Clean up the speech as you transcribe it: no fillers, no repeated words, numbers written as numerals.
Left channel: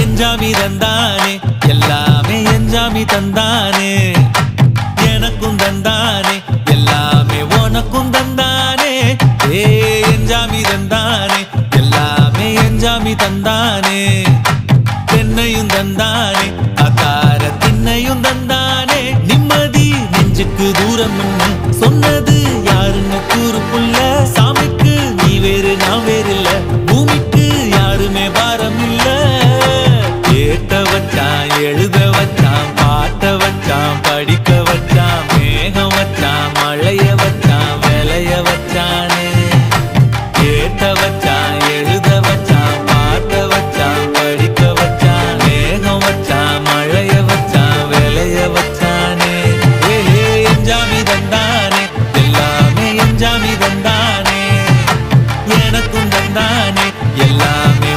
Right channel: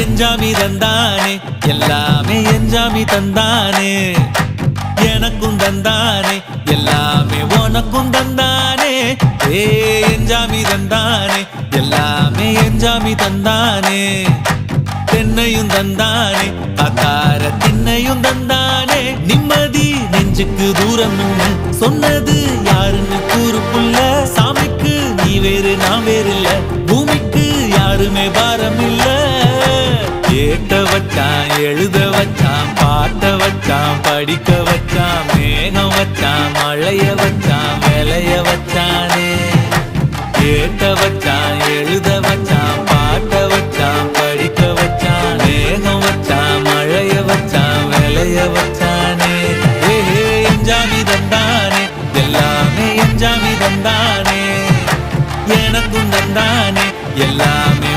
எஞ்சாமி தந்தானே எல்லாமே எஞ்சாமி தந்தானே எனக்கும் தந்தானே எல்லாமே உனக்கும் தந்தானே ஏ எஞ்சாமி தந்தானே எல்லாமே எஞ்சாமி தந்தானே தென்னையும் தந்தானே அத்தார திண்ணையும் தந்தானே நிம்மதி நெஞ்சுக்கு தூரம் சொன்னது யாருன்னு கூறு புள்ள சாமிக்கு நீ வேறு நான் வேறு இல்ல பூமிக்கு யாருமே பாரம் இல்ல ஏத்த வச்சான் எழுத வச்சான் பாட்ட வச்சான் படிக்க வச்சான் மேகம் வச்சான் மழைய வச்சான் விளைய வச்சானே ஏத்த வச்சான் எழுத வச்சான் பாட்ட வச்சான் படிக்க வச்சான் மேகம் வச்சான் மழைய வச்சான் விளைய வச்சானே ஏஹே எஞ்சாமி தந்தானே எல்லாமே எஞ்சாமி தந்தானே எனக்கும் தந்தானே எல்லாமே